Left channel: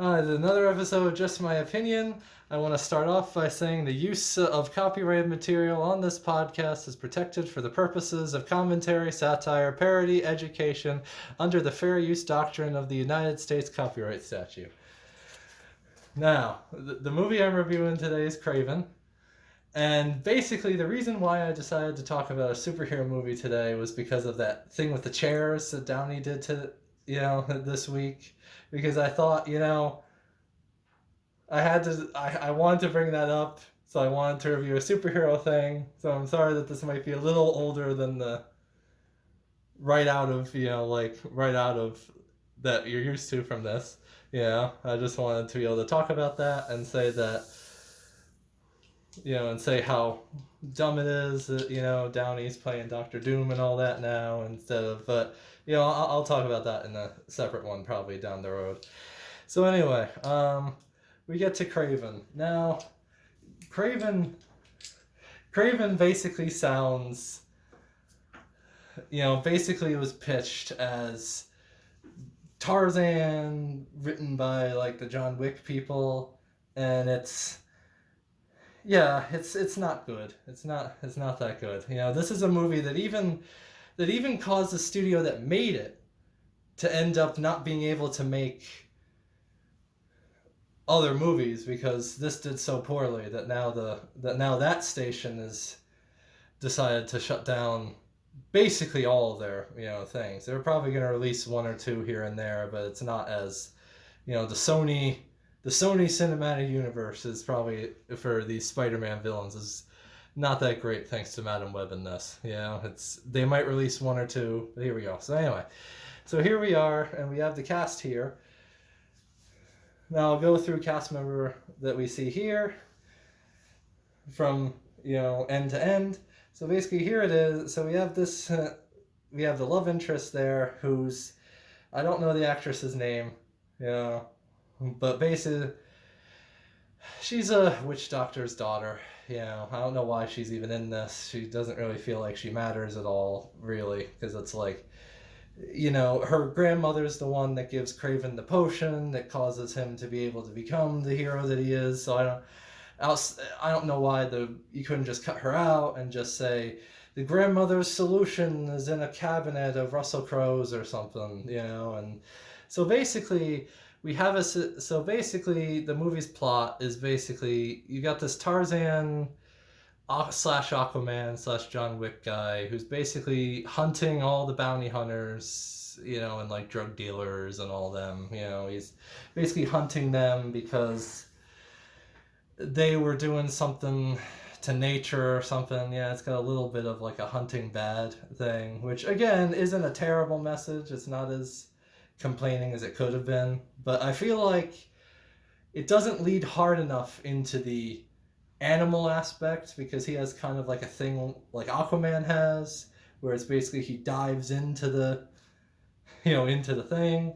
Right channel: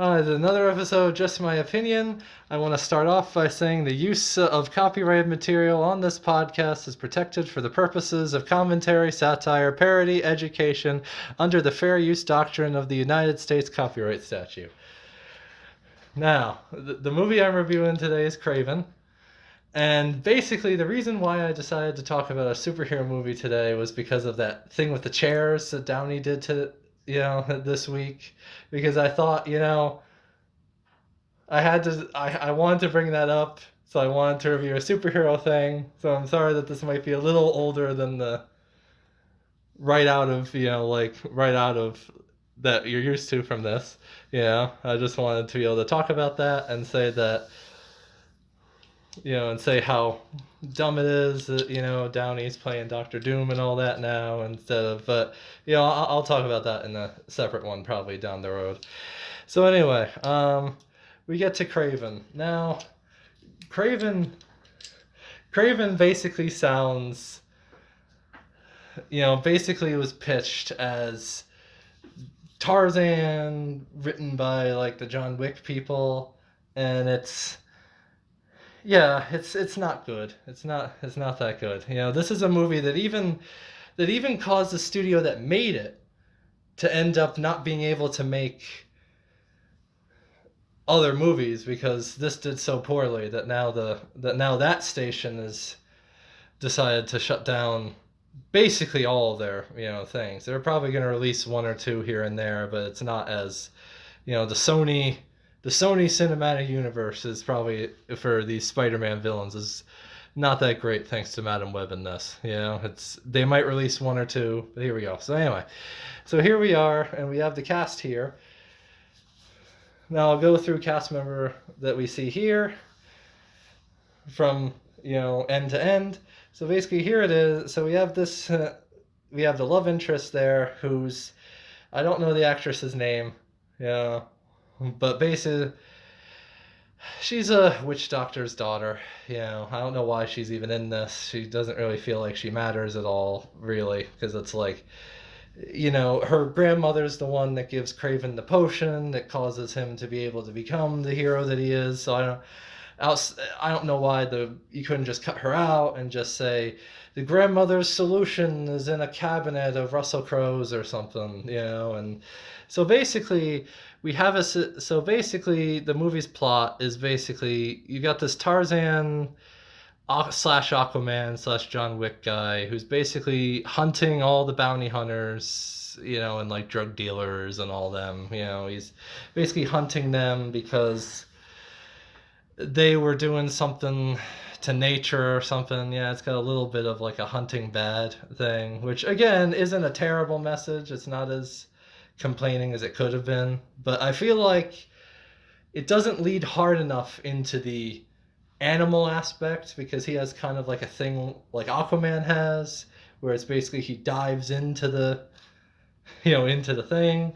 Another episode, Just My Opinion. I want to start off by saying the use of copyrighted material on this podcast is protected for the purposes of commentary, satire, parody, education, under the fair use doctrine of the United States copyright statute. Now, the movie I'm reviewing today is Kraven. And basically, the reason why I decided to talk about a superhero movie today was because of that thing with the chairs that Downey did to, this week. Because I thought, I wanted to bring that up, so I wanted to review a superhero thing. So I'm sorry that this might be a little older than the right out of that you're used to from this. I just wanted to be able to talk about that and say that, and say how dumb it is that, Downey's playing Doctor Doom and all that now instead of, but, I'll talk about that in a separate one probably down the road. So anyway, we get to Kraven. Now, Kraven basically sounds, basically it was pitched as Tarzan written by like the John Wick people, and it's not good. It's not that good. This is a movie that even caused the studio that made it to end up not being able to make other movies because this did so poorly that now that station has decided to shut down basically all of their things. They're probably going to release one or two here and there, but it's not as the Sony cinematic universe is probably for these Spider-Man villains is not that great thanks to Madam Web in this. They might release one or two, but here we go. So anyway, so here we are, and we have the cast here. Now I'll go through cast member that we see here from end to end. So basically here it is. So we have this, we have the love interest there who's, I don't know the actress's name, but basically she's a witch doctor's daughter. I don't know why she's even in this. She doesn't really feel like she matters at all, really, because it's like, her grandmother's the one that gives Kraven the potion that causes him to be able to become the hero that he is. So I don't know why you couldn't just cut her out and just say the grandmother's solution is in a cabinet of Russell Crowe's or something, and so basically the movie's plot is basically you got this Tarzan slash Aquaman slash John Wick guy who's basically hunting all the bounty hunters, and like drug dealers and all them. He's basically hunting them because they were doing something to nature or something. It's got a little bit of like a hunting bad thing, which again isn't a terrible message. It's not as complaining as it could have been, but I feel like it doesn't lead hard enough into the animal aspect because he has kind of like a thing like Aquaman has, where it's basically he dives into the thing,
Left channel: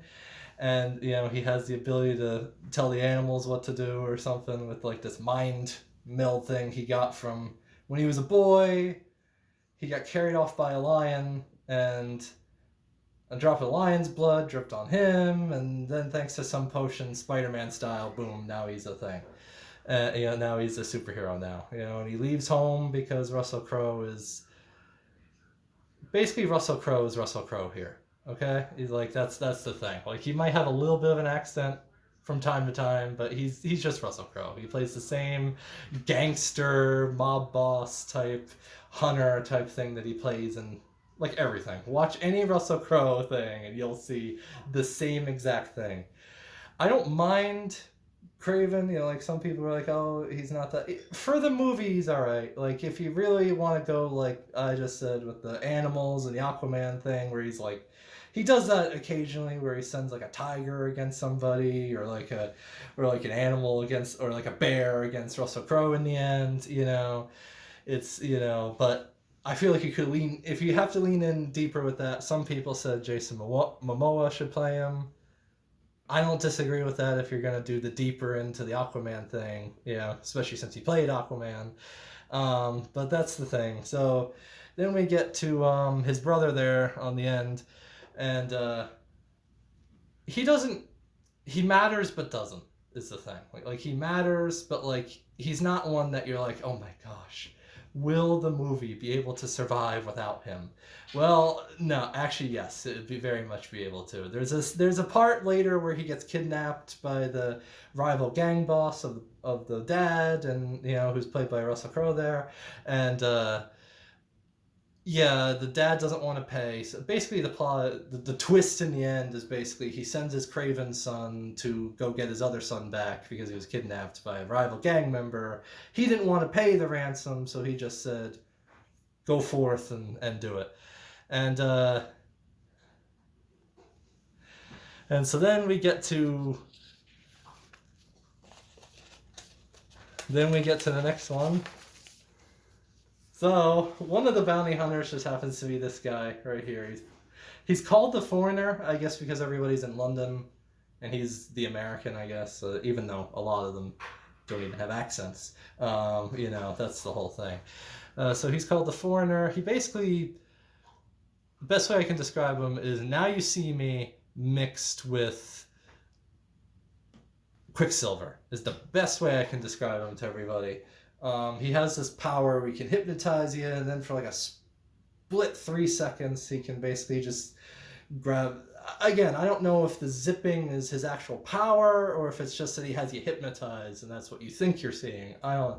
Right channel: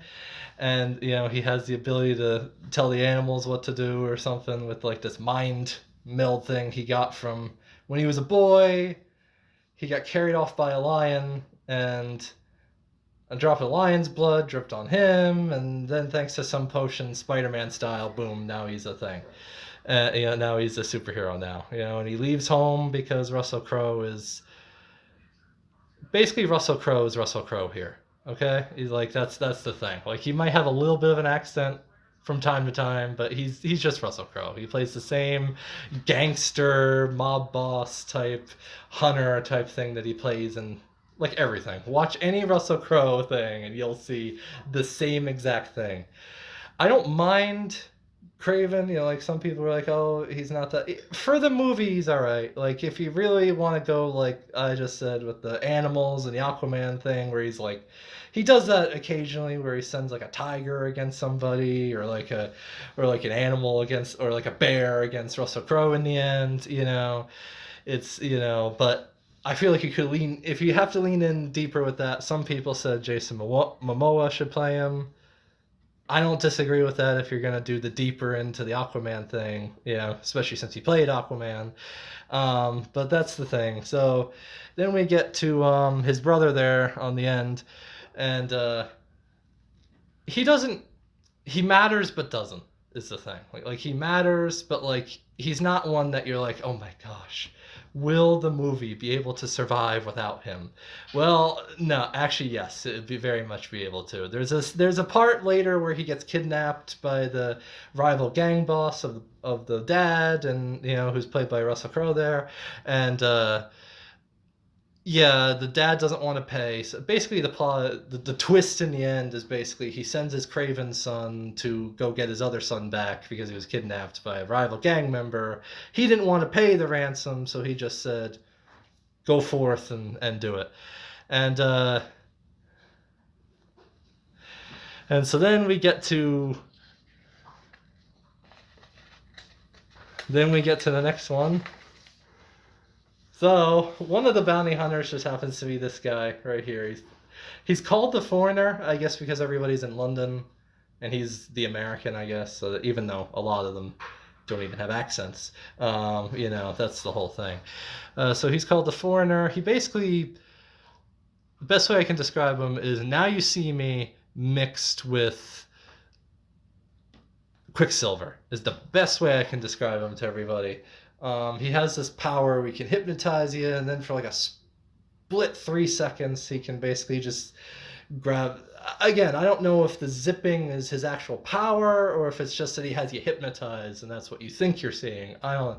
and he has the ability to tell the animals what to do or something with like this mind meld thing he got from when he was a boy. He got carried off by a lion, and a drop of lion's blood dripped on him, and then thanks to some potion, Spider-Man style, boom, now he's a thing. Now he's a superhero now, and he leaves home because Russell Crowe is Russell Crowe here. Okay, he's like that's the thing. Like he might have a little bit of an accent from time to time, but he's just Russell Crowe. He plays the same gangster mob boss type hunter type thing that he plays in like everything. Watch any Russell Crowe thing and you'll see the same exact thing. I don't mind Kraven, like some people are like, oh, he's not that. For the movie, he's all right. Like if you really want to go, like I just said, with the animals and the Aquaman thing, where he's like, he does that occasionally, where he sends like a tiger against somebody, or like an animal against, or like a bear against Russell Crowe in the end. It's but I feel like you could if you have to lean in deeper with that. Some people said Jason Momoa should play him. I don't disagree with that if you're going to do the deeper into the Aquaman thing, especially since he played Aquaman. But that's the thing. So then we get to his brother there on the end, and he doesn't he matters but doesn't, is the thing. Like he matters, but like he's not one that you're like, oh my gosh, will the movie be able to survive without him? Well, no, actually, yes, it'd be very much be able to. There's a part later where he gets kidnapped by the rival gang boss of the dad, and who's played by Russell Crowe there, and yeah, the dad doesn't want to pay. So basically, the plot, the twist in the end is basically he sends his Kraven son to go get his other son back because he was kidnapped by a rival gang member. He didn't want to pay the ransom, so he just said, "Go forth and do it." And and so then we get to the next one. So one of the bounty hunters just happens to be this guy right here. He's called the foreigner, I guess, because everybody's in London, and he's the American, I guess. So even though a lot of them don't even have accents, that's the whole thing. So he's called the foreigner. He basically, the best way I can describe him is Now You See Me mixed with Quicksilver is the best way I can describe him to everybody. He has this power we can hypnotize you, and then for like a split 3 seconds, he can basically just grab. Again, I don't know if the zipping is his actual power or if it's just that he has you hypnotized and that's what you think you're seeing. I don't.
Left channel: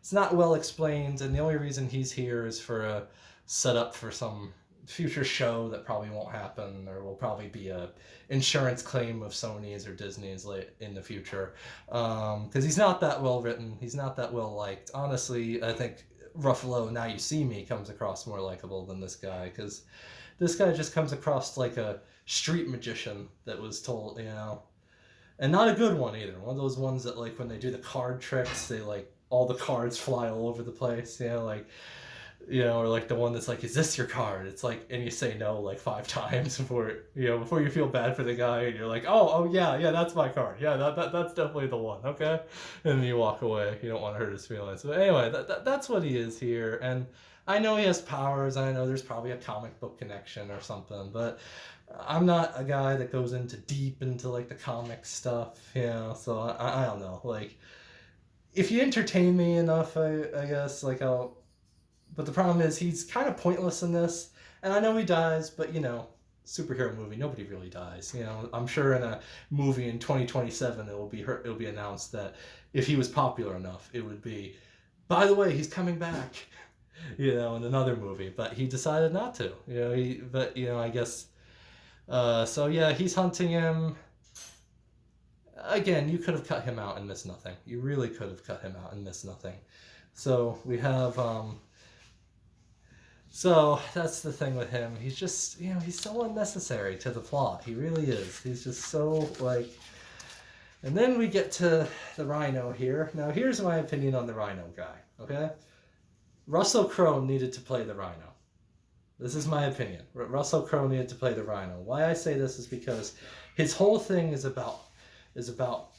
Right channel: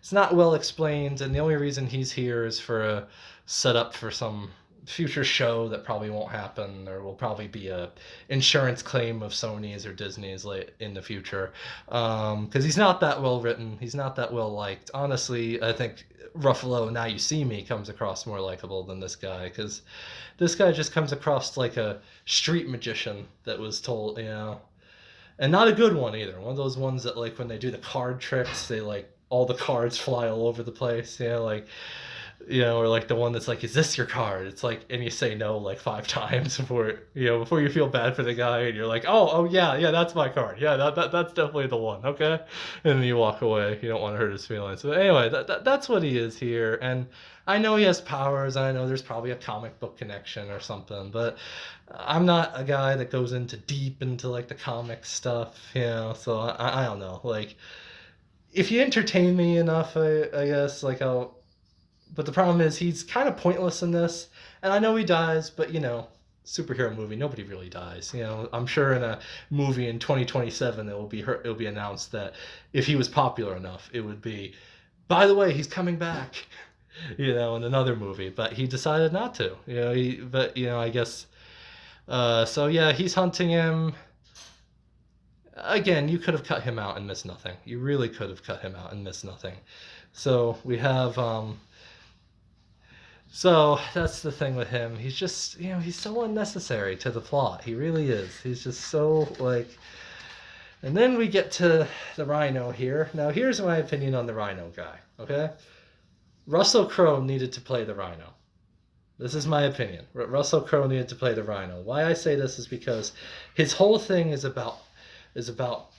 It's not well explained, and the only reason he's here is for a setup for some future show that probably won't happen, or will probably be a insurance claim of Sony's or Disney's late in the future, because he's not that well written, he's not that well liked. Honestly, I think Ruffalo Now You See Me comes across more likable than this guy, because this guy just comes across like a street magician that was told, and not a good one either. One of those ones that, like, when they do the card tricks, they like all the cards fly all over the place, or like the one that's like, is this your card? It's like, and you say no like 5 times before you feel bad for the guy, and you're like, oh yeah, that's my card. Yeah, that's definitely the one. Okay, and then you walk away. You don't want to hurt his feelings. But anyway, that's what he is here, and I know he has powers, and I know there's probably a comic book connection or something, but I'm not a guy that goes deep into like the comic stuff, So I don't know, like, if you entertain me enough, I guess, like, I'll. But the problem is he's kind of pointless in this, and I know he dies, but superhero movie, nobody really dies. I'm sure in a movie in 2027 it'll be announced that if he was popular enough, it would be, by the way, he's coming back, in another movie. But he decided not to. I guess. So yeah, he's hunting him. Again, you could have cut him out and missed nothing. You really could have cut him out and missed nothing. So we have. So that's the thing with him. He's just, he's so unnecessary to the plot. He really is. He's just so, like. And then we get to the Rhino here. Now, here's my opinion on the Rhino guy, okay? Russell Crowe needed to play the Rhino. This is my opinion. Russell Crowe needed to play the Rhino. Why I say this is because his whole thing is about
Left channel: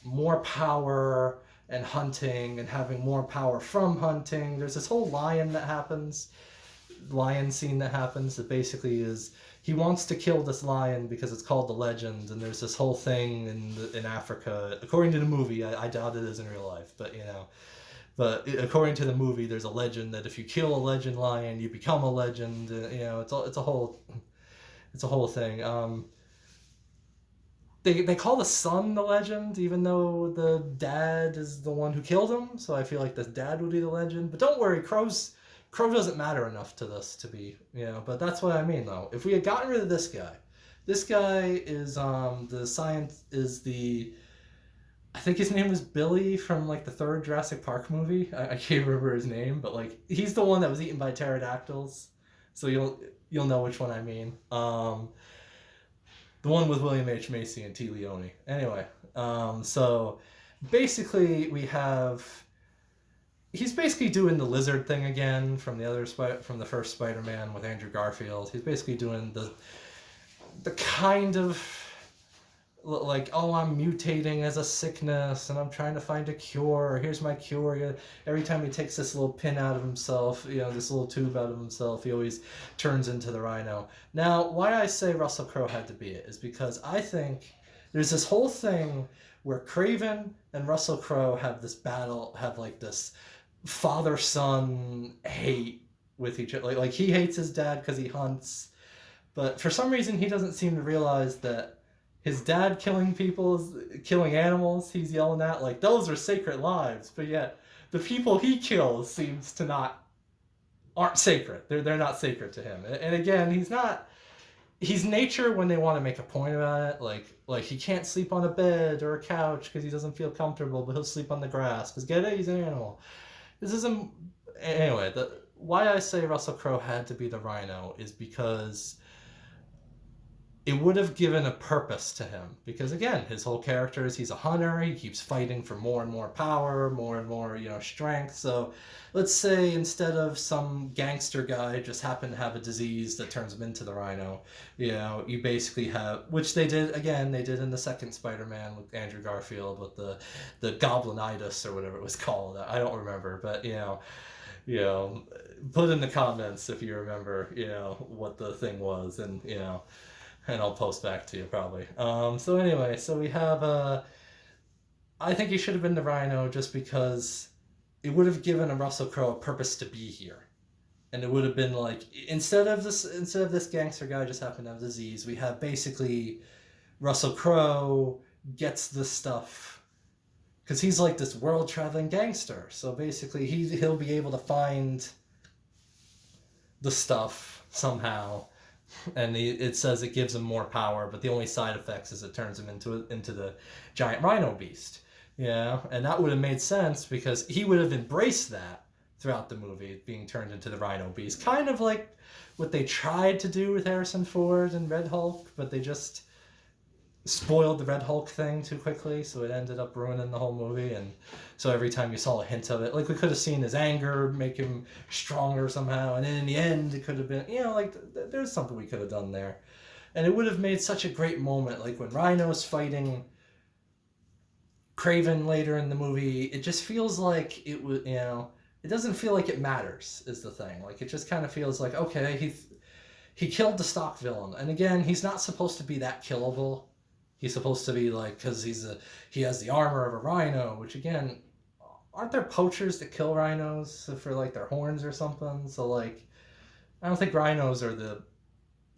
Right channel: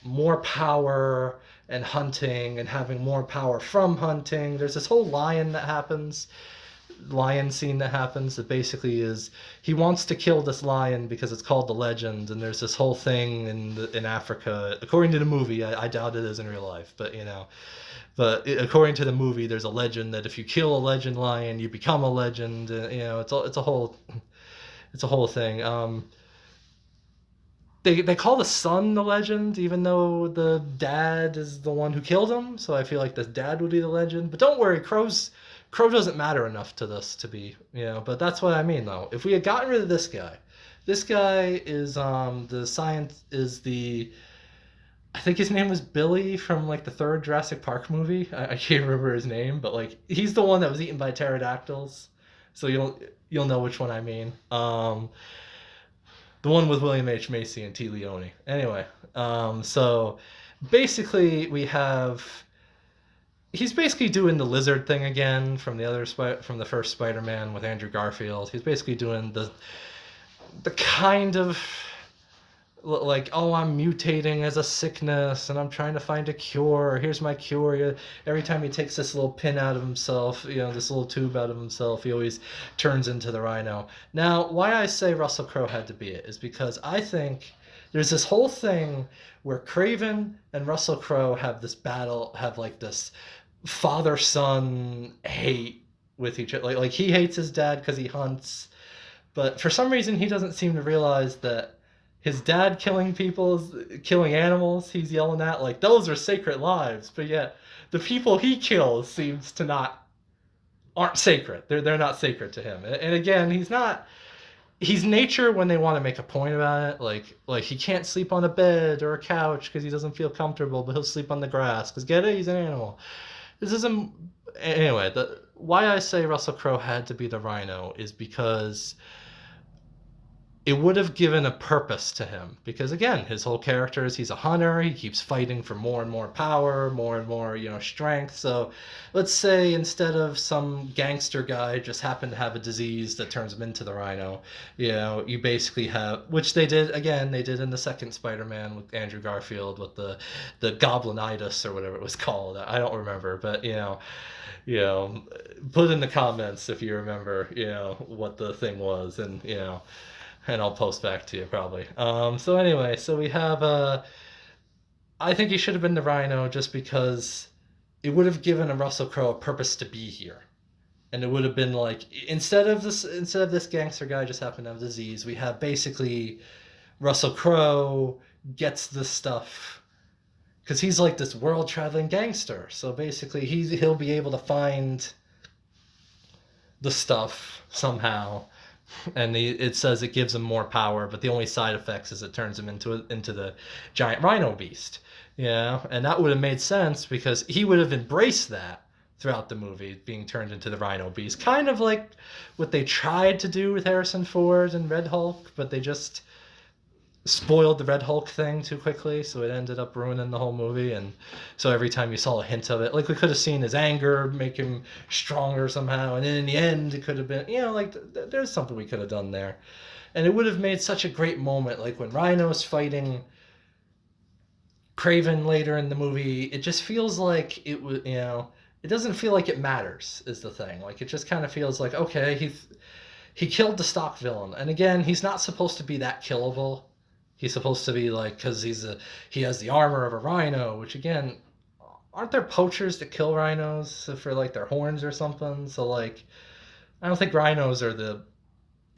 more power and hunting and having more power from hunting. There's this whole lion scene that happens that basically is he wants to kill this lion because it's called the Legend, and there's this whole thing in Africa, according to the movie. I doubt it is in real life, but according to the movie, there's a legend that if you kill a legend lion, you become a legend. It's a whole thing. They call the son the legend, even though the dad is the one who killed him. So I feel like the dad would be the legend. But don't worry, Crow doesn't matter enough to this to be, But that's what I mean, though. If we had gotten rid of this guy is the science is the. I think his name was Billy from like the third Jurassic Park movie. I can't remember his name, but like he's the one that was eaten by pterodactyls. So you'll know which one I mean. The one with William H. Macy and T. Leone. Anyway, so basically he's basically doing the lizard thing again from the first Spider-Man with Andrew Garfield. He's basically doing the kind of like, oh, I'm mutating as a sickness and I'm trying to find a cure. Here's my cure. Every time he takes this little pin out of himself, this little tube out of himself, he always turns into the Rhino. Now, why I say Russell Crowe had to be it is because I think there's this whole thing where Kraven and Russell Crowe have this battle, have like this father son hate with each other. Like he hates his dad because he hunts, but for some reason he doesn't seem to realize that his dad killing people, killing animals, he's yelling at like those are sacred lives, but yet the people he kills seems to not aren't sacred. They're not sacred to him. And again, he's nature when they want to make a point about it. Like he can't sleep on a bed or a couch because he doesn't feel comfortable, but he'll sleep on the grass because get it, he's an animal. This isn't anyway. The why I say Russell Crowe had to be the Rhino is because it would have given a purpose to him, because again his whole character is he's a hunter, he keeps fighting for more and more power, more and more strength. So let's say instead of some gangster guy just happened to have a disease that turns him into the Rhino, you basically have, which they did in the second Spider-Man with Andrew Garfield with the goblinitis or whatever it was called. I don't remember, but put in the comments if you remember what the thing was, and I'll post back to you probably. So anyway, so we have I think he should have been the Rhino just because it would have given a Russell Crowe a purpose to be here. And it would have been like instead of this gangster guy just happened to have disease, we have basically Russell Crowe gets this stuff because he's like this world traveling gangster. So basically he'll be able to find the stuff somehow, and it says it gives him more power, but the only side effects is it turns him into the giant rhino beast. And that would have made sense because he would have embraced that throughout the movie, being turned into the rhino beast, kind of like what they tried to do with Harrison Ford and Red Hulk, but they just spoiled the Red Hulk thing too quickly, so it ended up ruining the whole movie. And so every time you saw a hint of it, like we could have seen his anger make him stronger somehow, and then in the end it could have been there's something we could have done there, and it would have made such a great moment, like when Rhino's fighting Kraven later in the movie. It just feels like it was it doesn't feel like it matters is the thing. Like it just kind of feels like, okay, he killed the stock villain, and again he's not supposed to be that killable. He's supposed to be like, because he has the armor of a rhino, which again, aren't there poachers that kill rhinos for like their horns or something? So like, I don't think rhinos are the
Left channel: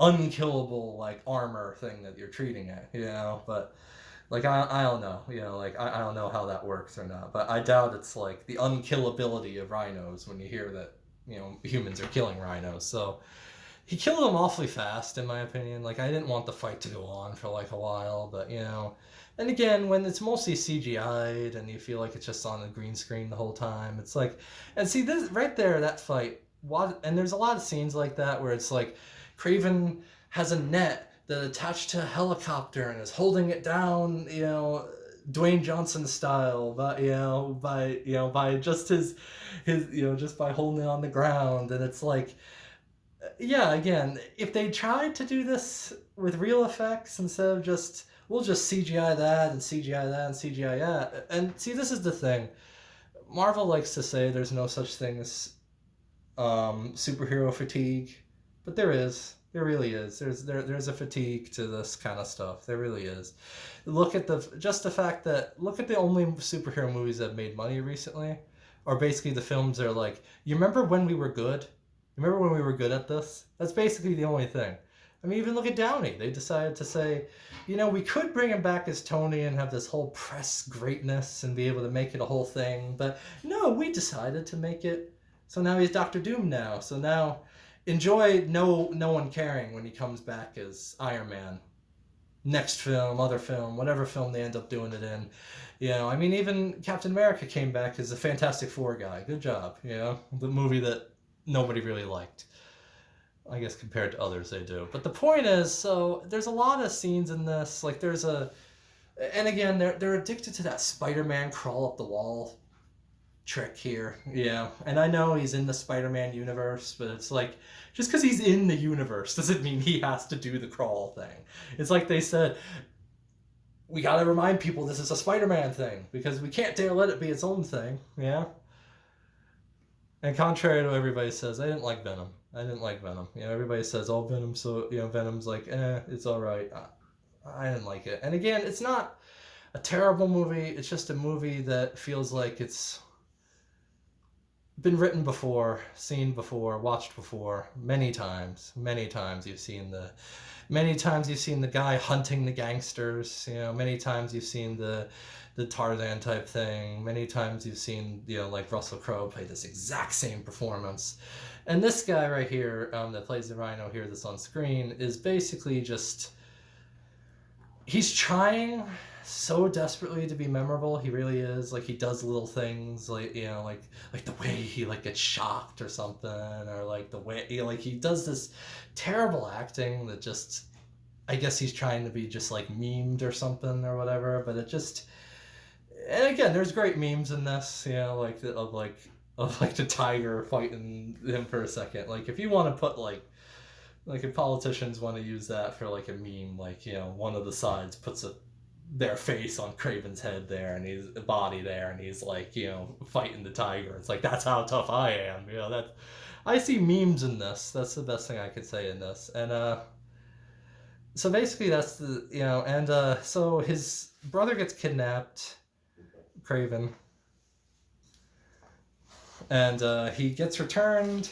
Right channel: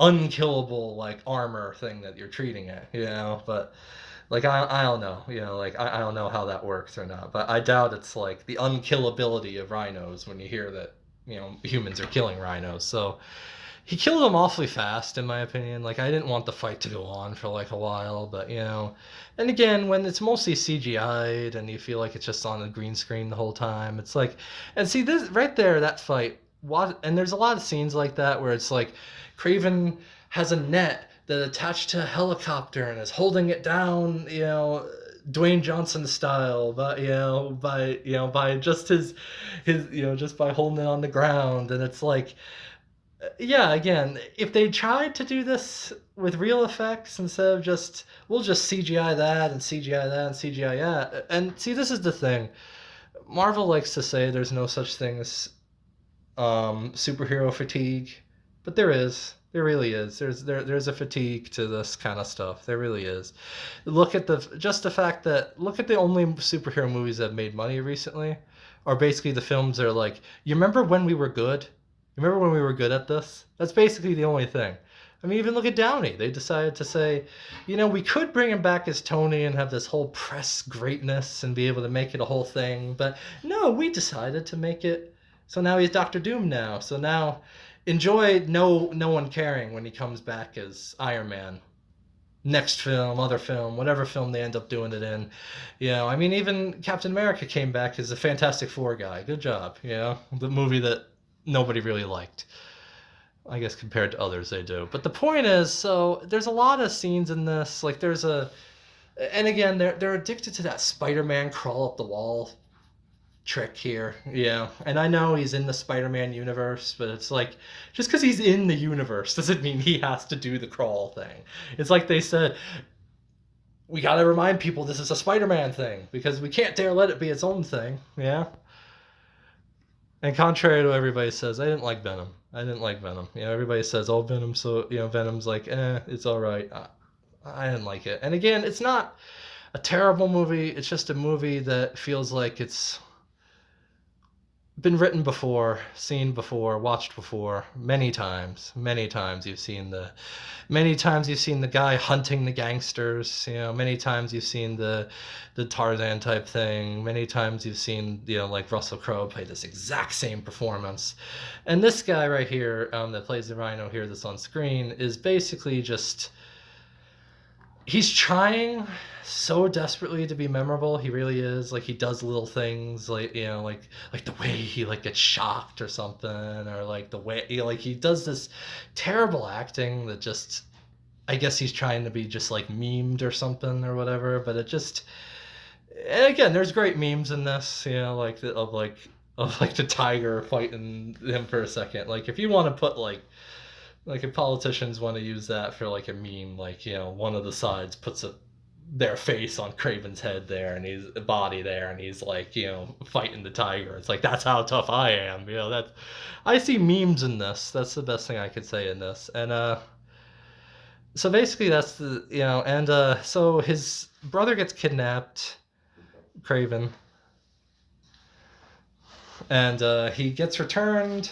unkillable like armor thing that you're treating it, but like I don't know, like I don't know how that works or not, but I doubt it's like the unkillability of rhinos when you hear that humans are killing rhinos. So he killed them awfully fast, in my opinion. Like, I didn't want the fight to go on for like a while, but and again, when it's mostly CGI'd and you feel like it's just on a green screen the whole time, it's like, and see this right there, that fight, and there's a lot of scenes like that where it's like Kraven has a net that attached to a helicopter and is holding it down, Dwayne Johnson style, but by just his just by holding it on the ground. And it's like, again, if they tried to do this with real effects instead of just, we'll just CGI that and CGI that and CGI that. And see, this is the thing. Marvel likes to say there's no such thing as superhero fatigue, but there is. There really is. There's a fatigue to this kind of stuff. There really is. Look at the only superhero movies that have made money recently are basically the films that are like, you remember when we were good? Remember when we were good at this? That's basically the only thing. I mean, even look at Downey. They decided to say, we could bring him back as Tony and have this whole press greatness and be able to make it a whole thing. But no, we decided to make it. So now he's Doctor Doom now. So now enjoy no one caring when he comes back as Iron Man. Next film, other film, whatever film they end up doing it in. I mean, even Captain America came back as a Fantastic Four guy. Good job. The movie that nobody really liked, I guess, compared to others they do. But the point is, so there's a lot of scenes in this, like and again, they're addicted to that Spider-Man crawl up the wall trick here. And I know he's in the Spider-Man universe, but it's like, just because he's in the universe doesn't mean he has to do the crawl thing. It's like they said, we got to remind people this is a Spider-Man thing because we can't dare let it be its own thing. And contrary to what everybody says, I didn't like Venom. Everybody says, oh, Venom, so, Venom's like, it's all right. I didn't like it. And again, it's not a terrible movie. It's just a movie that feels like it's been written before, seen before, watched before, many times. Many times you've seen the guy hunting the gangsters. Many times you've seen the Tarzan type thing. Many times you've seen like Russell Crowe play this exact same performance, and this guy right here that plays the Rhino here that's on screen is basically just he's trying so desperately to be memorable. He really is. Like he does little things like like the way he like gets shocked or something, or like the way like he does this terrible acting that just I guess he's trying to be just like memed or something or whatever. But it just and again, there's great memes in this, like of like the tiger fighting him for a second. Like if you want to put like if politicians want to use that for like a meme, like one of the sides puts their face on Kraven's head there, and he's body there, and he's like fighting the tiger. It's like that's how tough I am. That I see memes in this. That's the best thing I could say in this. And so basically that's the and so his brother gets kidnapped, Kraven, and he gets returned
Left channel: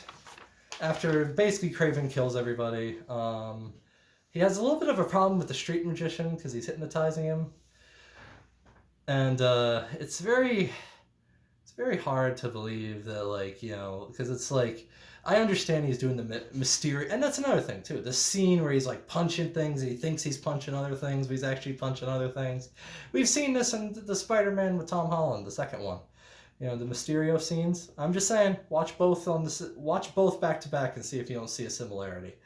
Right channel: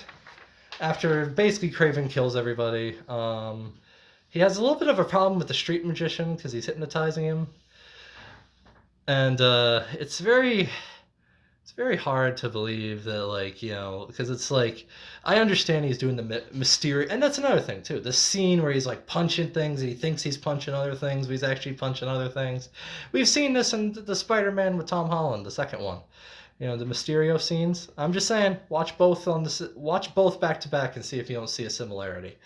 after basically Kraven kills everybody. He has a little bit of a problem with the street magician because he's hypnotizing him, and it's very hard to believe that because it's like I understand he's doing the mysterious, and that's another thing too. The scene where he's like punching things, he thinks he's punching other things, but he's actually punching other things. We've seen this in the Spider-Man with Tom Holland, the second one. The Mysterio scenes. I'm just saying, watch both back to back and see if you don't see a similarity.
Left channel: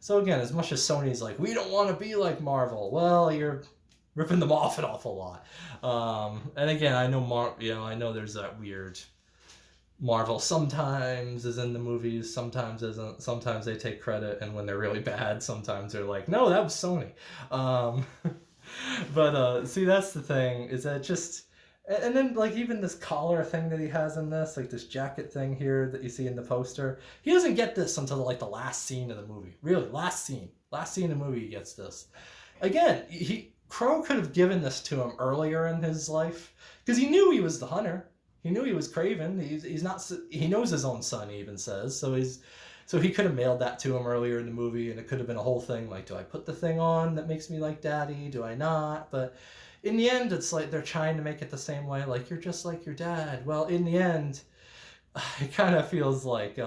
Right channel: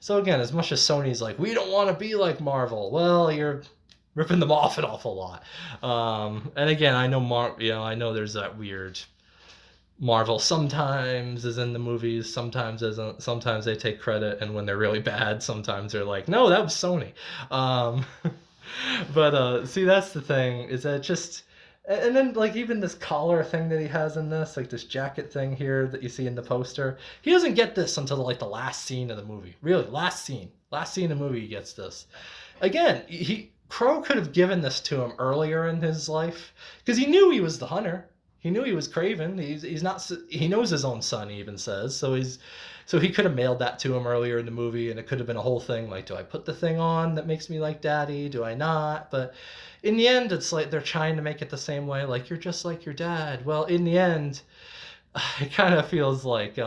So again, as much as Sony's like, we don't want to be like Marvel, well, you're ripping them off an awful lot. And again, I know I know there's that weird Marvel sometimes is in the movies, sometimes isn't. Sometimes they take credit, and when they're really bad, sometimes they're like, no, that was Sony. But see, that's the thing, is that just. And then, like, even this collar thing that he has in this, like this jacket thing here that you see in the poster, he doesn't get this until like the last scene of the movie. Really, last scene of the movie, he gets this. Again, Crow could have given this to him earlier in his life because he knew he was the hunter. He knew he was Kraven. He's not. He knows his own son. He even says so. So he could have mailed that to him earlier in the movie, and it could have been a whole thing like, do I put the thing on that makes me like Daddy? Do I not? But in the end, it's like they're trying to make it the same way, like you're just like your dad. Well, in the end, it kind of feels like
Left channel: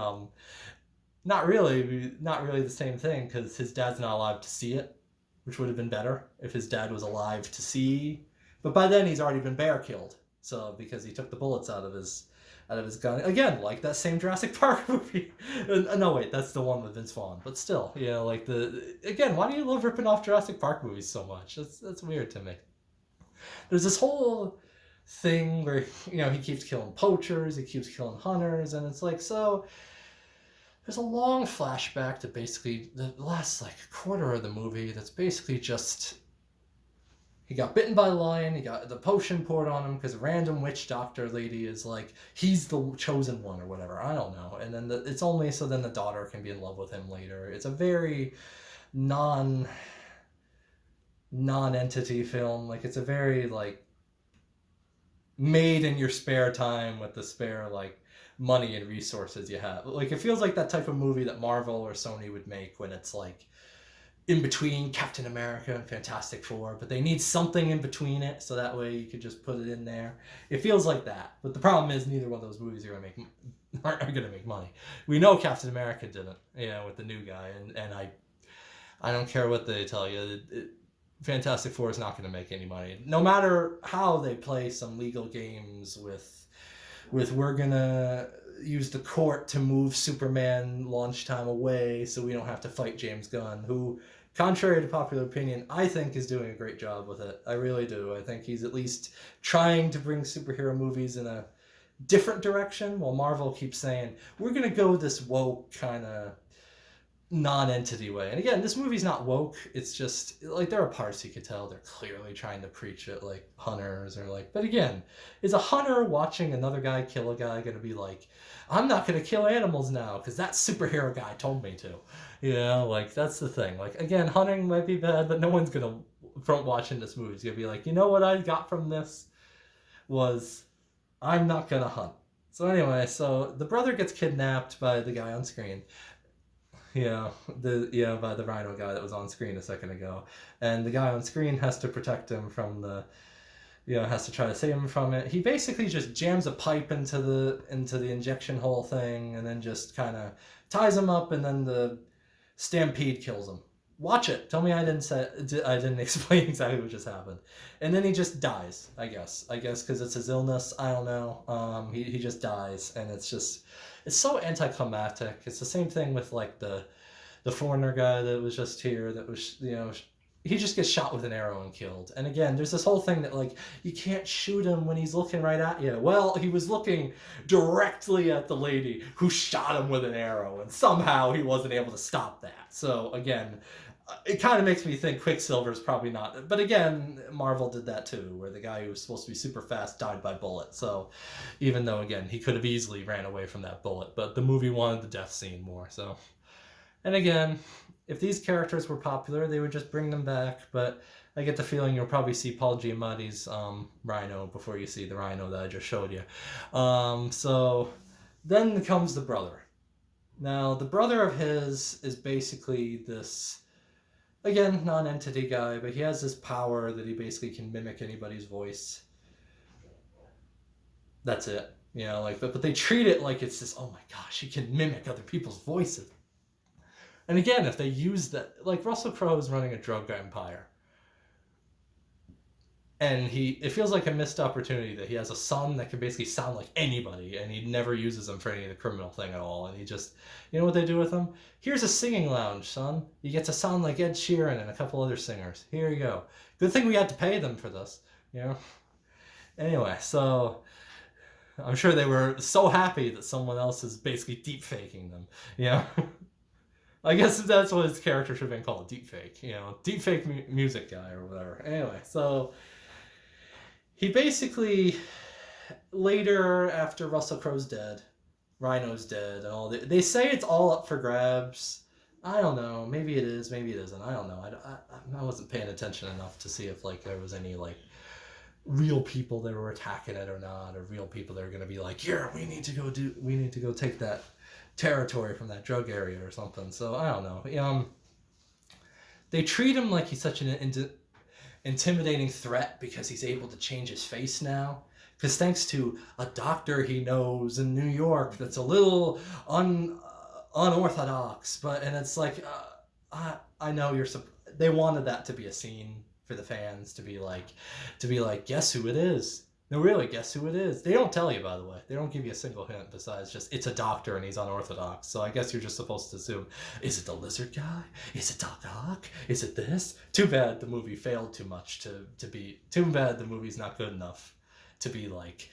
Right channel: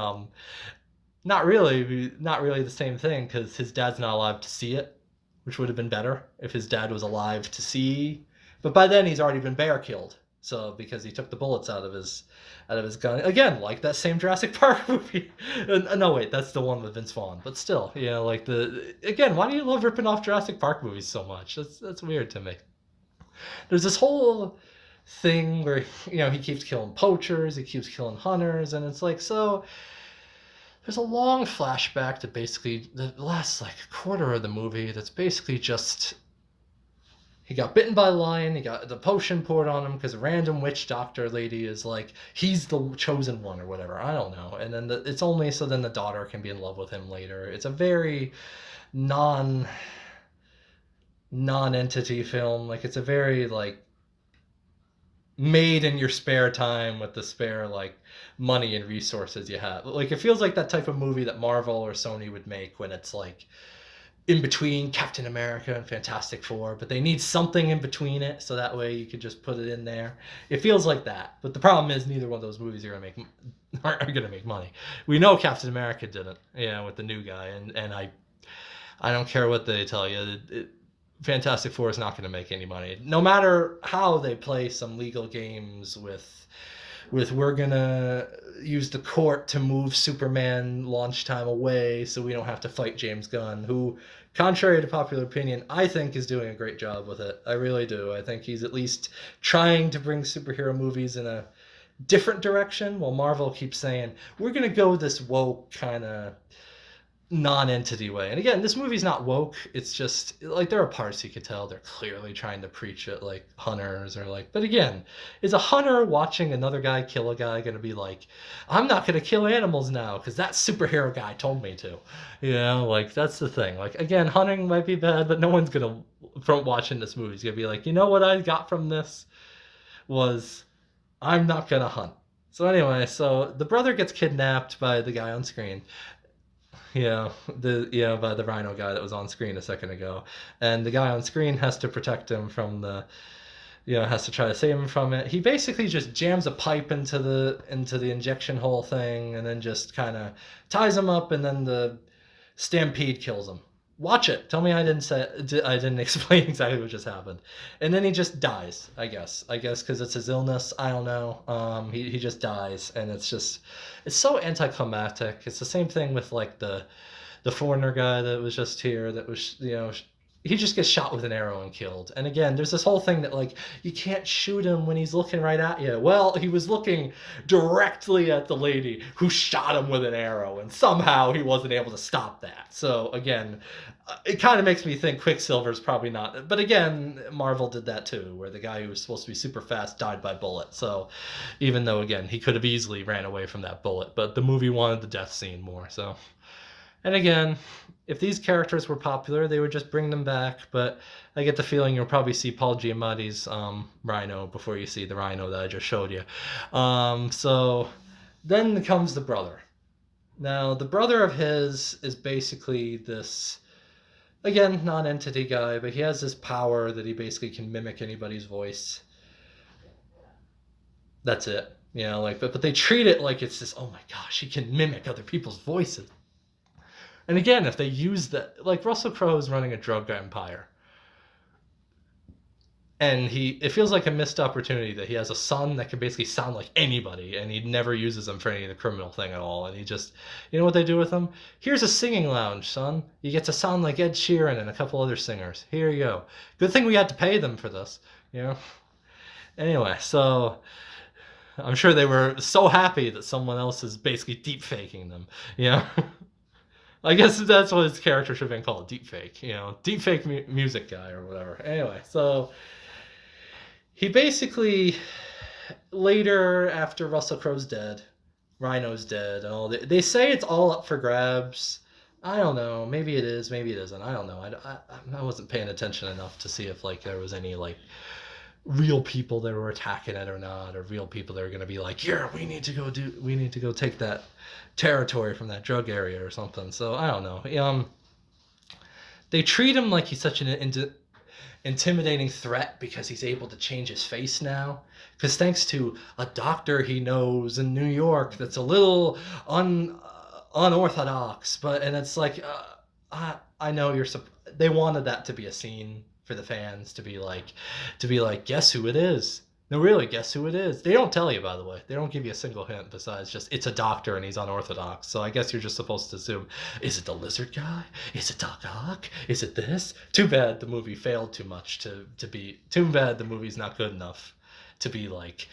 not really the same thing, because his dad's not alive to see it, which would have been better if his dad was alive to see. But by then, he's already been bear killed, so because he took the bullets out of his gun. Again, like that same Jurassic Park movie. No, wait, that's the one with Vince Vaughn. But still, like again, why do you love ripping off Jurassic Park movies so much? That's weird to me. There's this whole thing where he keeps killing poachers, he keeps killing hunters, and it's like, so there's a long flashback to basically the last like quarter of the movie that's basically just he got bitten by a lion, he got the potion poured on him because a random witch doctor lady is like, he's the chosen one or whatever, I don't know. And then it's only so then the daughter can be in love with him later. It's a very non-entity film. Like, it's a very like made in your spare time with the spare like money and resources you have. Like, it feels like that type of movie that Marvel or Sony would make when it's like in between Captain America and Fantastic Four, but they need something in between it, so that way you could just put it in there. It feels like that, but the problem is neither one of those movies aren't gonna make money. We know Captain America didn't, with the new guy, and I don't care what they tell you. Fantastic Four is not going to make any money, no matter how they play some legal games with we're gonna use the court to move Superman launch time away so we don't have to fight James Gunn, who, contrary to popular opinion, I think is doing a great job with it. I really do. I think he's at least trying to bring superhero movies in a different direction, while Marvel keeps saying, we're going to go this woke kind of non-entity way. And again, this movie's not woke. It's just like there are parts you could tell they're clearly trying to preach it, like hunters or like, but again, is a hunter watching another guy kill a guy gonna be like, I'm not gonna kill animals now because that superhero guy told me to? Like, that's the thing. Like, again, hunting might be bad, but no one's gonna from watching this movie. He's gonna be like, you know what I got from this was I'm not gonna hunt. So anyway, so the brother gets kidnapped by the guy on screen. By the rhino guy that was on screen a second ago, and the guy on screen has to protect him from has to try to save him from it. He basically just jams a pipe into the injection hole thing, and then just kind of ties him up, and then the stampede kills him. Watch it. Tell me I didn't explain exactly what just happened. And then he just dies. I guess because it's his illness. I don't know. He just dies, and it's so anticlimactic. It's the same thing with like the foreigner guy that was just here. That was he just gets shot with an arrow and killed. And again, there's this whole thing that like you can't shoot him when he's looking right at you. Well, he was looking directly at the lady who shot him with an arrow, and somehow he wasn't able to stop that. So again, it kind of makes me think Quicksilver's probably not. But again, Marvel did that too, where the guy who was supposed to be super fast died by bullet. So even though again he could have easily ran away from that bullet, but the movie wanted the death scene more. So, and again, if these characters were popular, they would just bring them back. But I get the feeling you'll probably see Paul Giamatti's Rhino before you see the Rhino that I just showed you. So then comes the brother. Now, the brother of his is basically this, again, non-entity guy, but he has this power that he basically can mimic anybody's voice. That's it. But they treat it like it's this, oh my gosh, he can mimic other people's voices. And again, if they use that, like Russell Crowe is running a drug empire. And it feels like a missed opportunity that he has a son that can basically sound like anybody, and he never uses them for any of the criminal thing at all. And he just, you know what they do with him? Here's a singing lounge, son. You get to sound like Ed Sheeran and a couple other singers. Here you go. Good thing we had to pay them for this, Anyway, so I'm sure they were so happy that someone else is basically deep faking them, I guess that's what his character should have been called, deepfake, deepfake music guy or whatever. Anyway, so he basically, later, after Russell Crowe's dead, Rhino's dead, and all they say it's all up for grabs. I don't know. Maybe it is, maybe it isn't. I don't know. I wasn't paying attention enough to see if like there was any like real people that were attacking it or not, or real people that are going to be like, yeah, we need to go take that territory from that drug area or something. So I don't know. They treat him like he's such an intimidating threat because he's able to change his face now. Because thanks to a doctor he knows in New York that's a little unorthodox, and it's like, I know they wanted that to be a scene for the fans to be like, guess who it is? No, really, guess who it is? They don't tell you, by the way. They don't give you a single hint besides just it's a doctor and he's unorthodox. So I guess you're just supposed to assume, is it the lizard guy? Is it Doc Ock? Is it this? Too bad the movie failed too much to be. Too bad the movie's not good enough to be like.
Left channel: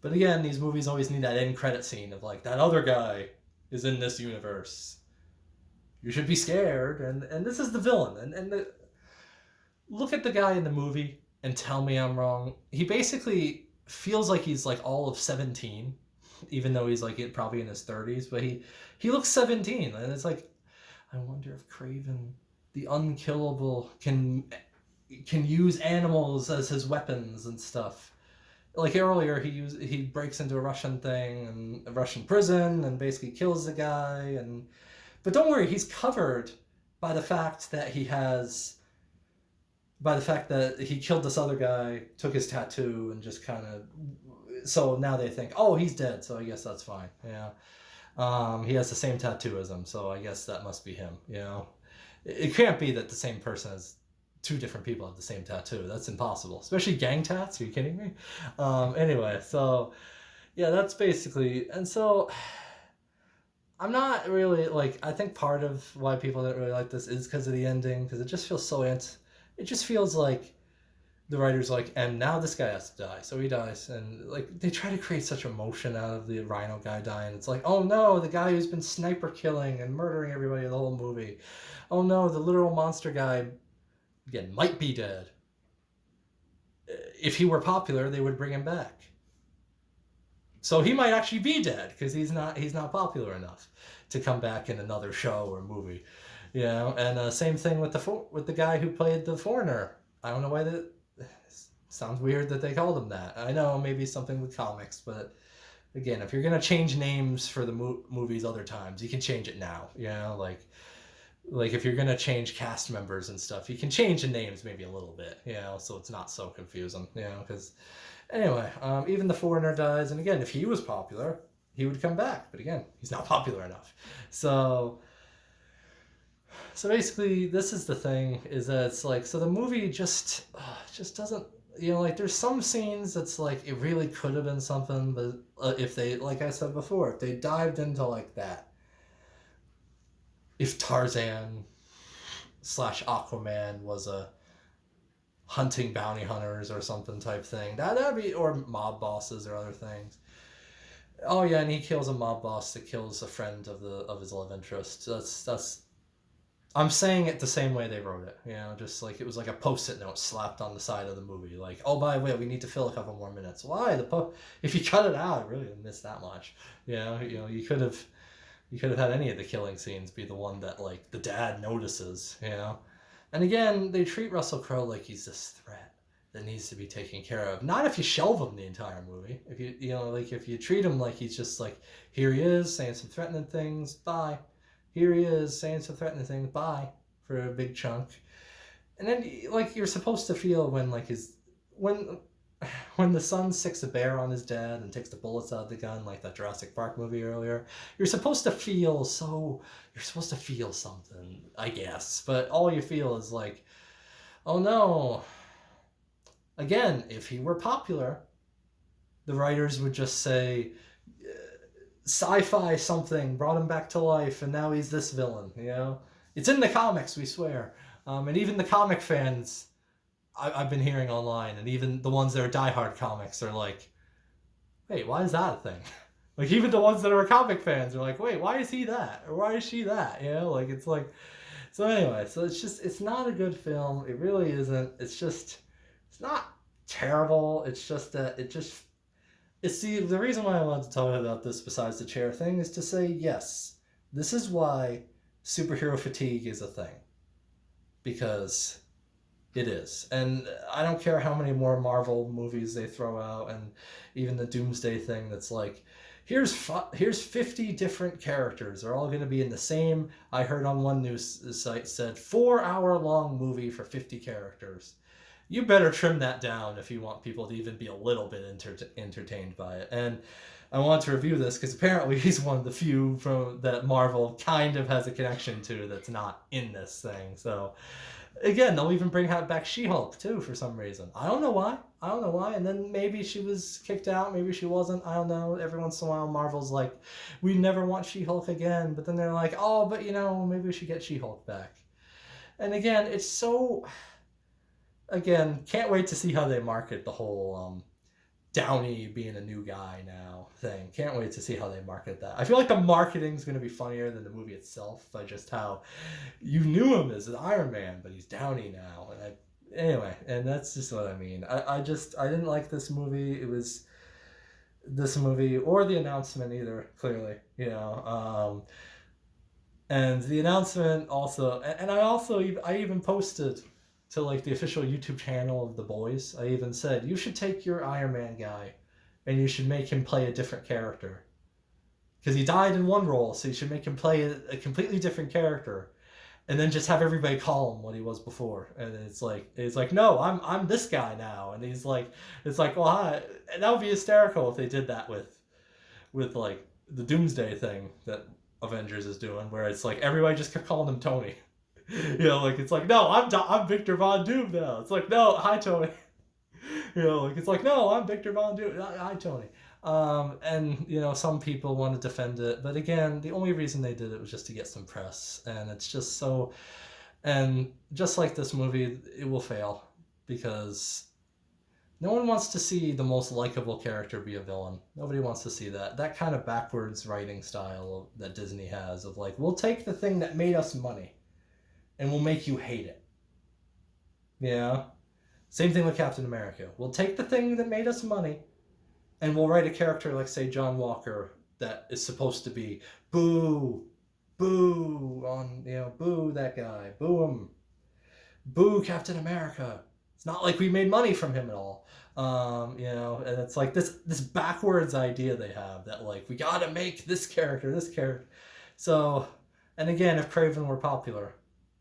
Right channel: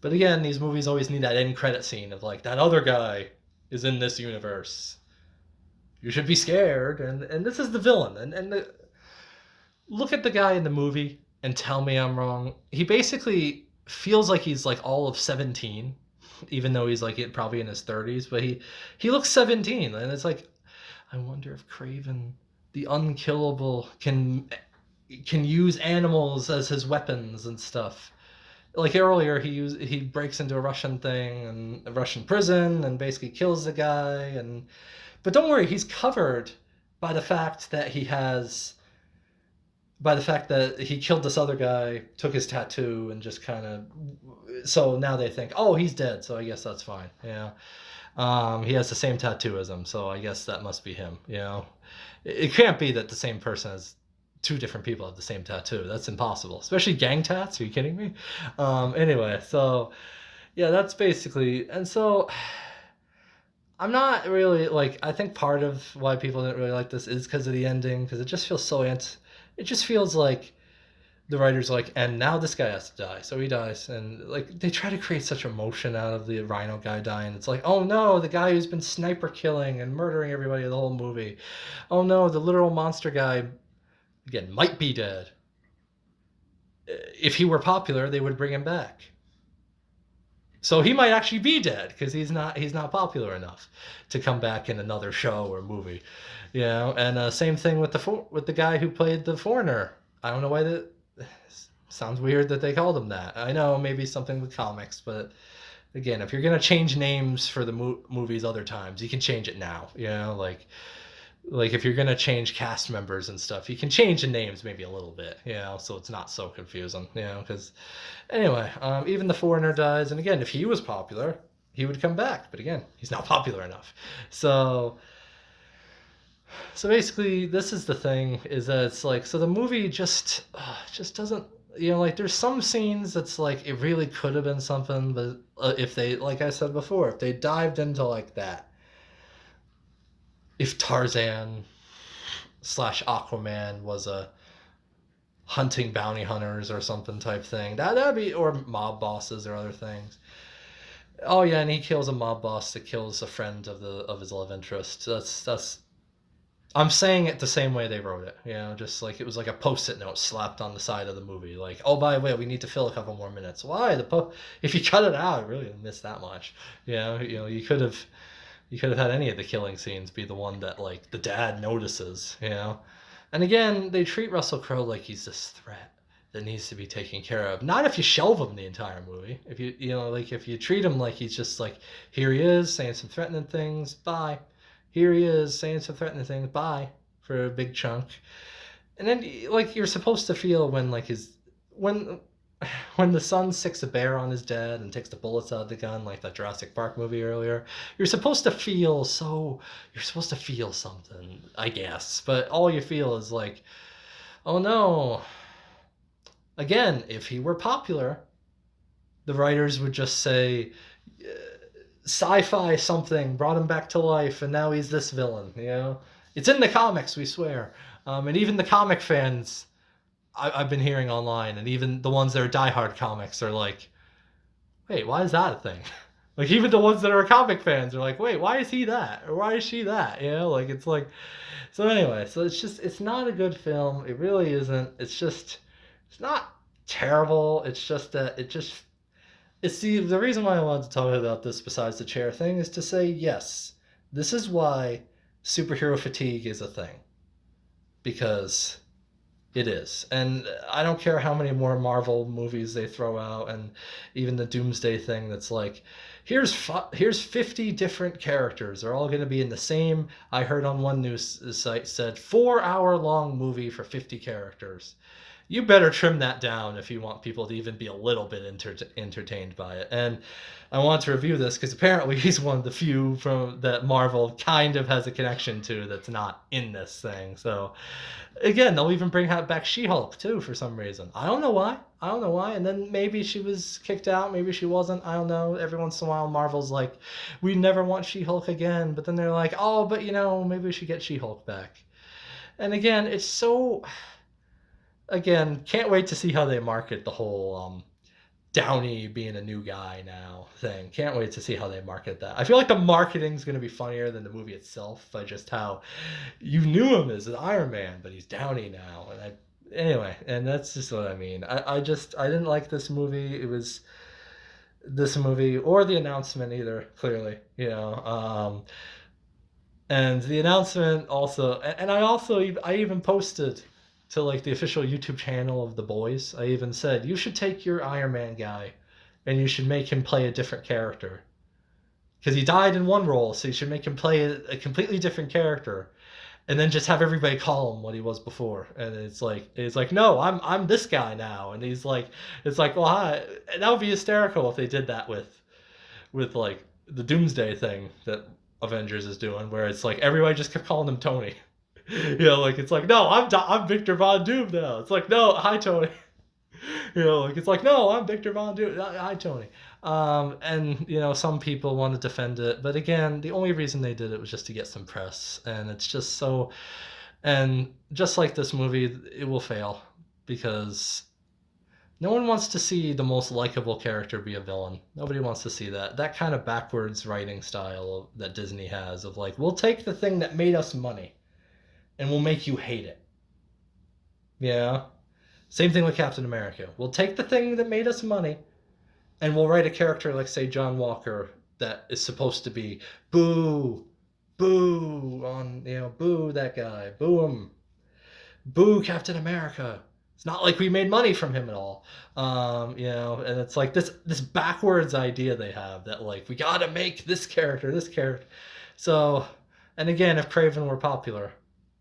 But again, these movies always need that end credit scene of like, that other guy is in this universe. You should be scared. And this is the villain. Look at the guy in the movie and tell me I'm wrong. He basically feels like he's like all of 17, even though he's like probably in his 30s, but he looks 17, and it's like, I wonder if Kraven, the unkillable, can use animals as his weapons and stuff. Like earlier, he breaks into a Russian thing and a Russian prison and basically kills the guy, but don't worry, he's covered by the fact that he killed this other guy, took his tattoo, and just kind of... So now they think, oh, he's dead, so I guess that's fine. He has the same tattoo as him, so I guess that must be him. It can't be that the same person has two different people have the same tattoo. That's impossible. Especially gang tats. Are you kidding me? Anyway, so... Yeah, that's basically... And so... I'm not really, like... I think part of why people didn't really like this is because of the ending, because it just feels so... It just feels like the writer's like, and now this guy has to die, so he dies. And like they try to create such emotion out of the Rhino guy dying. It's like, oh no, the guy who's been sniper killing and murdering everybody the whole movie. Oh no, the literal monster guy, again, might be dead. If he were popular, they would bring him back. So he might actually be dead because he's not popular enough to come back in another show or movie. And same thing with the guy who played the foreigner I don't know why that sounds weird that they called him that. I know maybe something with comics, but again, if you're gonna change names for the movies other times, you can change it now. You know, like if you're gonna change cast members and stuff, you can change the names maybe a little bit. You know, so it's not so confusing. You know, because anyway, even the foreigner dies, and again, if he was popular, he would come back. But again, he's not popular enough. So so basically, this is the thing: is that it's like so the movie just doesn't. You know, like there's some scenes that's like it really could have been something, but if they, like I said before, if they dived into like that, if Tarzan slash Aquaman was a hunting bounty hunters or something type thing, that'd be, or mob bosses or other things. Oh yeah, and he kills a mob boss that kills a friend of his love interest. That's I'm saying it the same way they wrote it. You know, just like it was like a post-it note slapped on the side of the movie. Like, oh, by the way, we need to fill a couple more minutes. Why if you cut it out, I really didn't miss that much. You know, you could have had any of the killing scenes be the one that like the dad notices. You know, and again, they treat Russell Crowe like he's this threat that needs to be taken care of. Not if you shelve him the entire movie. If you know, like if you treat him like he's just like here he is saying some threatening things, bye. Here he is saying some threatening things, bye, for a big chunk. And then like you're supposed to feel when like his when when the son sicks a bear on his dad and takes the bullets out of the gun, like that Jurassic Park movie earlier, you're supposed to feel something, I guess. But all you feel is like, oh no. Again, if he were popular, the writers would just say sci-fi something brought him back to life and now he's this villain. You know, it's in the comics, we swear. And even the comic fans I've been hearing online, and even the ones that are diehard comics are like, wait, why is that a thing? Like even the ones that are comic fans are like, wait, why is he that, or why is she that? You know, like it's like, so anyway, so it's not a good film. It really isn't. It's not terrible. It's just that it's the reason why I wanted to talk about this besides the chair thing is to say, yes, this is why superhero fatigue is a thing. Because it is. And I don't care how many more Marvel movies they throw out, and even the Doomsday thing that's like, here's 50 different characters. They're all going to be in the same, I heard on one news site said 4-hour long movie for 50 characters. You better trim that down if you want people to even be a little bit entertained by it. And I want to review this because apparently he's one of the few from that Marvel kind of has a connection to that's not in this thing. So again, they'll even bring back She-Hulk too for some reason. I don't know why. And then maybe she was kicked out, maybe she wasn't. I don't know. Every once in a while, Marvel's like, we never want She-Hulk again. But then they're like, oh, but you know, maybe we should get She-Hulk back. And again, it's so. Again, can't wait to see how they market the whole Downey being a new guy now thing. Can't wait to see how they market that. I feel like the marketing's going to be funnier than the movie itself by just how you knew him as an Iron Man, but he's Downey now. Anyway, and that's just what I mean. I didn't like this movie. It was this movie or the announcement either, clearly, you know. And the announcement also, and I even posted to like the official YouTube channel of The Boys. I even said, you should take your Iron Man guy and you should make him play a different character. Because he died in one role, so you should make him play a completely different character. And then just have everybody call him what he was before. And it's like, no, I'm this guy now. And he's like, it's like, well, hi. That would be hysterical if they did that with like the Doomsday thing that Avengers is doing, where it's like everybody just kept calling him Tony. You know, like it's like, no, I'm Victor Von Doom now. It's like, no, hi Tony. You know, like it's like, no, I'm Victor Von Doom. Hi Tony. And you know, some people want to defend it, but again, the only reason they did it was just to get some press, and it's just so. And just like this movie, it will fail because no one wants to see the most likable character be a villain. Nobody wants to see that. That kind of backwards writing style that Disney has of like, we'll take the thing that made us money and we'll make you hate it. Yeah. Same thing with Captain America. We'll take the thing that made us money and we'll write a character like, say, John Walker that is supposed to be boo, boo on, you know, boo that guy, boo him, boo Captain America, It's not like we made money from him at all. And it's like this backwards idea they have that like we gotta make this character. So, and again, if Kraven were popular,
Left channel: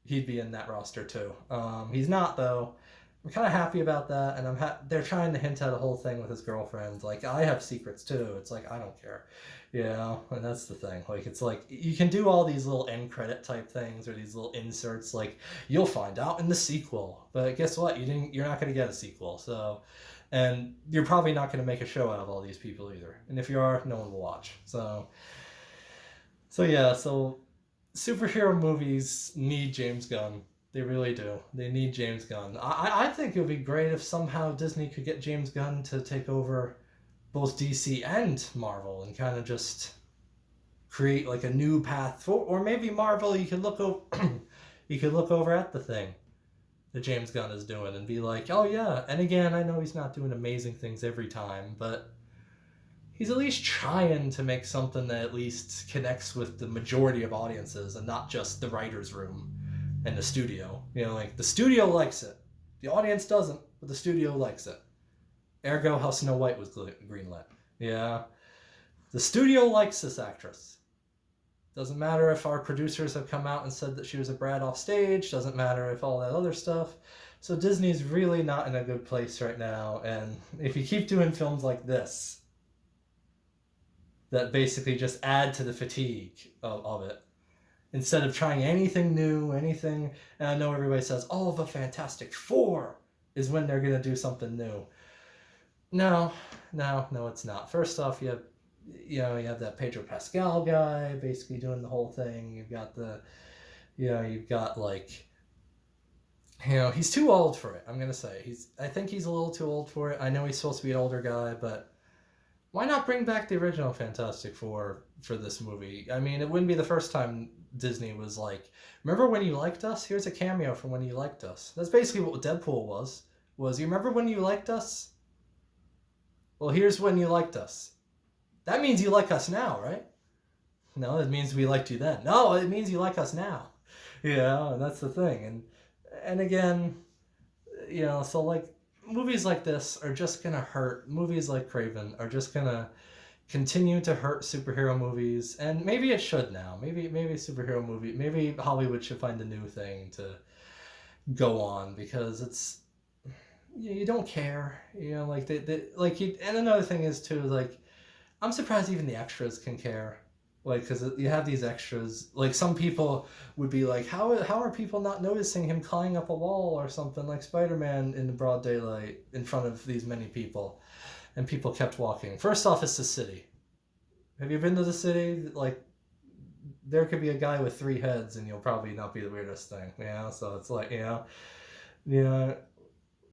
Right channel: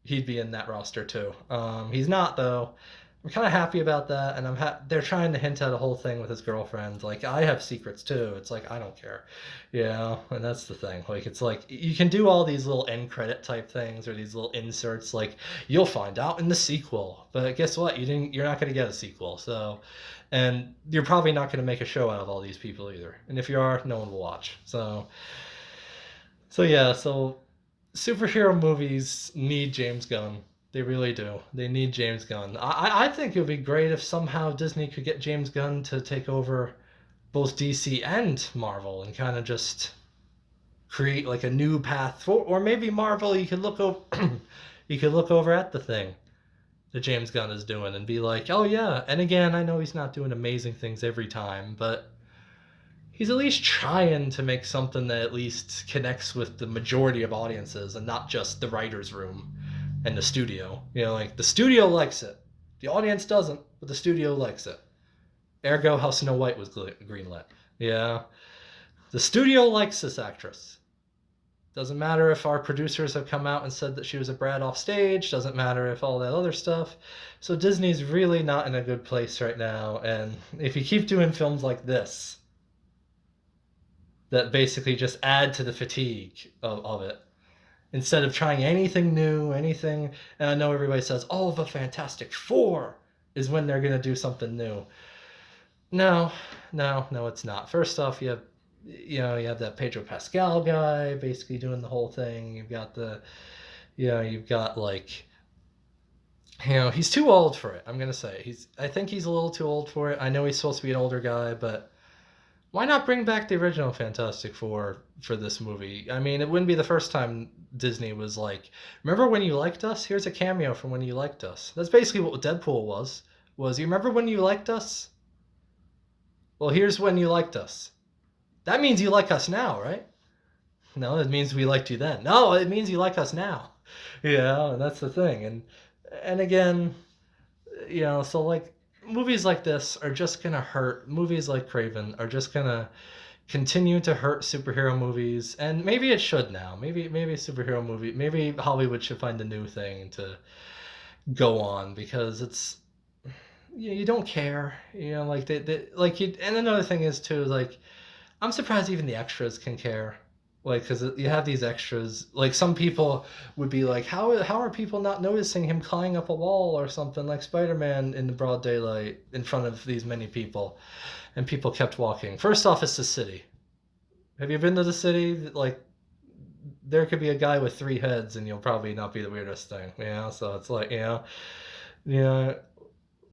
he'd be in that roster too. He's not though. I'm kind of happy about that, and they're trying to hint at a whole thing with his girlfriend. Like I have secrets too. It's like I don't care, and that's the thing. Like it's like you can do all these little end credit type things or these little inserts. Like you'll find out in the sequel, but guess what? You're not going to get a sequel. So, and you're probably not going to make a show out of all these people either. And if you are, no one will watch. So yeah. So superhero movies need James Gunn. They really do. They need James Gunn. I think it would be great if somehow Disney could get James Gunn to take over both DC and Marvel and kind of just create like a new path for, or maybe Marvel. You could look over, you could look over at the thing that James Gunn is doing and be like, oh yeah. And again, I know he's not doing amazing things every time, but he's at least trying to make something that at least connects with the majority of audiences and not just the writer's room and the studio. Like the studio likes it. The audience doesn't, but the studio likes it. Ergo, how Snow White was greenlit. Yeah. The studio likes this actress. Doesn't matter if our producers have come out and said that she was a brat off stage. Doesn't matter if all that other stuff. So Disney's really not in a good place right now. And if you keep doing films like this, that basically just add to the fatigue of it, instead of trying anything new, anything. And I know everybody says, oh, the Fantastic Four is when they're going to do something new. No, it's not. First off, you have that Pedro Pascal guy basically doing the whole thing. You've got he's too old for it. I'm going to say I think he's a little too old for it. I know he's supposed to be an older guy, but why not bring back the original Fantastic Four for this movie? I mean, it wouldn't be the first time Disney was like, remember when you liked us? Here's a cameo from when you liked us. That's basically what Deadpool was. You remember when you liked us? Well, here's when you liked us. That means you like us now, right? No, it means we liked you then. No, it means you like us now. And that's the thing. And again, so like, movies like this are just gonna hurt. Movies like Kraven are just gonna continue to hurt superhero movies, and maybe it should now. Maybe superhero movie. Maybe Hollywood should find a new thing to go on, because it's you don't care. Like and another thing is too, like I'm surprised even the extras can care. Like, because you have these extras, like some people would be like, how are people not noticing him climbing up a wall or something like Spider-Man in the broad daylight in front of these many people? And people kept walking. First off, it's the city. Have you been to the city? Like, there could be a guy with 3 heads and you'll probably not be the weirdest thing. So it's like,